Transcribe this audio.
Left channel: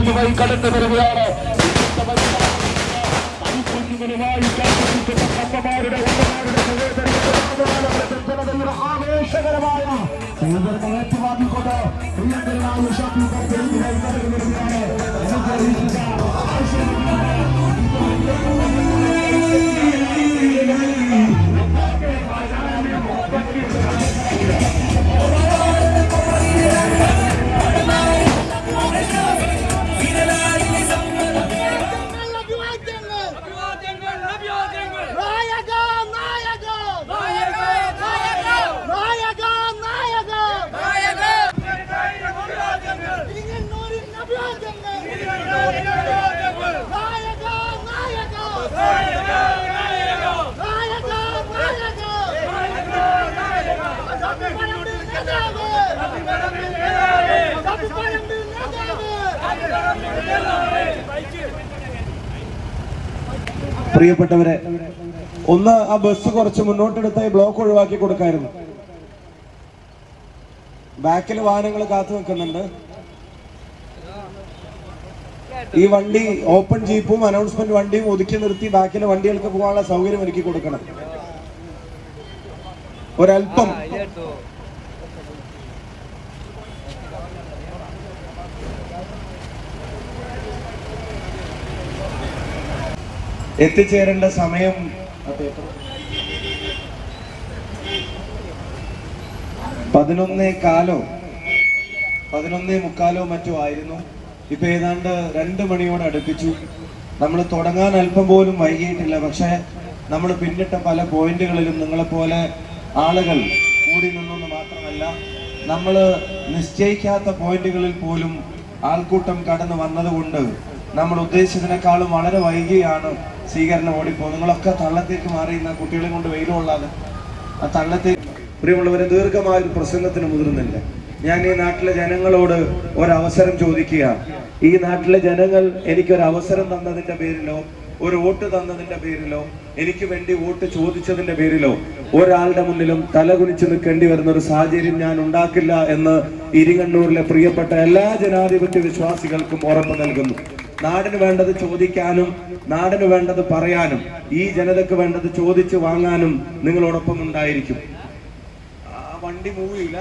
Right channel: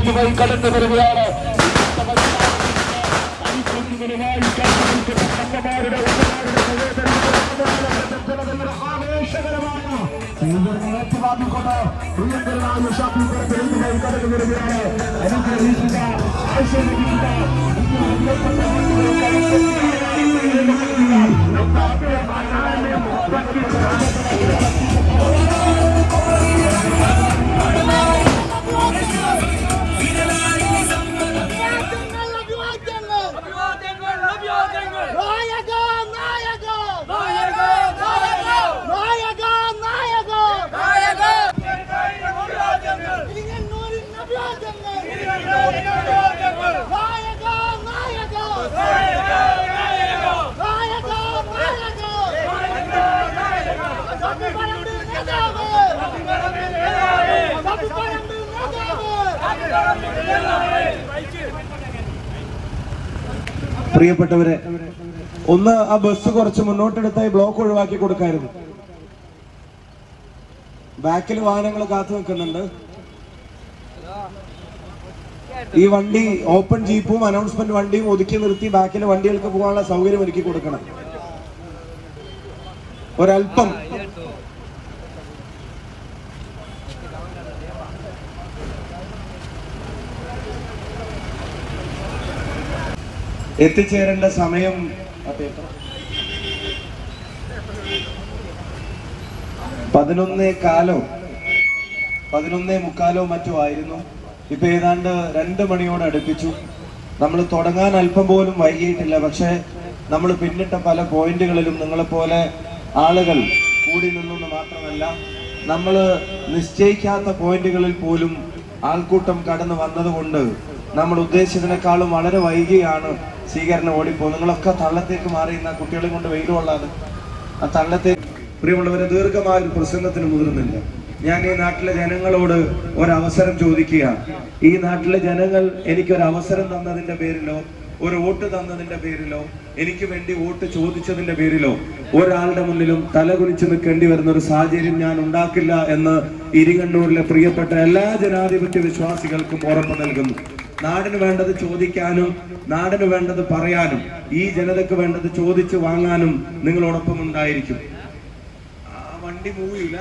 ഇതുവഴി കടന്നു വരികയാണ്. ആവേശകരമായ പ്രിയപ്പെട്ടവരെ, ഒന്ന് ആ ബസ് കുറച്ച് മുന്നോട്ടെടുത്തായി ബ്ലോക്ക് ഒഴിവാക്കി കൊടുക്കായിരുന്നു. ബാക്കിൽ വാഹനങ്ങൾ കാത്തു നിൽക്കുന്നുണ്ട്. ഈ വണ്ടി ഓപ്പൺ ജീപ്പും അനൗൺസ്മെന്റ് വണ്ടിയും ഒതുക്കി നിർത്തി ബാക്കിലെ വണ്ടികൾക്ക് പോകാനുള്ള സൗകര്യം ഒരുക്കി കൊടുക്കണം. ഒരല്പം എത്തിച്ചേരേണ്ട സമയം 11:15 മറ്റോ ആയിരുന്നു. ഇപ്പൊ ഏതാണ്ട് 2 മണിയോട് അടുപ്പിച്ചു. നമ്മൾ തുടങ്ങാൻ അല്പം പോലും വൈകിയിട്ടില്ല. പക്ഷെ നമ്മൾ പിന്നിട്ട പല പോയിന്റുകളിലും നിങ്ങളെപ്പോലെ ആളുകൾ കൂടി നിന്നെന്ന് മാത്രമല്ല, നമ്മൾ നിശ്ചയിക്കാത്ത പോയിന്റുകളിൽ പോലും ആൾക്കൂട്ടം കടന്നു വന്നതുകൊണ്ട് നമ്മൾ ഉദ്ദേശിച്ചതിനേക്കാളും വളരെ വൈകിയാണ് സ്വീകരണം ഓടിപ്പോകും. നിങ്ങളൊക്കെ തള്ളത്തേക്ക് മാറിയുന്ന കുട്ടികളെ കൊണ്ട് വെയിലുകൊള്ളാതെ ആ തള്ളത്തേക്ക്. പ്രിയമുള്ളവരെ, ദീർഘമായ ഒരു പ്രസംഗത്തിന് മുതിർന്നില്ല. ഞാൻ ഈ നാട്ടിലെ ജനങ്ങളോട് ഒരവസരം ചോദിക്കുക. ഈ നാട്ടിലെ ജനങ്ങൾ എനിക്കൊരവസരം തന്നതിന്റെ പേരിലോ ഒരു വോട്ട് തന്നതിന്റെ പേരിലോ എനിക്ക് വേണ്ടി വോട്ട് ചോദിച്ചതിന്റെ പേരിലോ ഒരാളുടെ മുന്നിലും തലകുനിച്ച് നിൽക്കേണ്ടി വരുന്ന ഒരു സാഹചര്യം ഞാൻ ഉണ്ടാക്കില്ല എന്ന് ഇരിങ്ങണ്ണൂരിലെ പ്രിയപ്പെട്ട എല്ലാ ജനാധിപത്യ വിശ്വാസികൾക്കും ഉറപ്പ് നൽകുന്നു. നാടിന് വേണ്ടത് ചോദിക്കാനും നാടിന് വേണ്ടത് പറയാനും ഈ ജനതയ്ക്ക് വേണ്ടത് ചോദിച്ചു വാങ്ങാനും നിങ്ങളോടൊപ്പം ഉണ്ടായിരിക്കും. ആ വണ്ടി മൂവില്ല.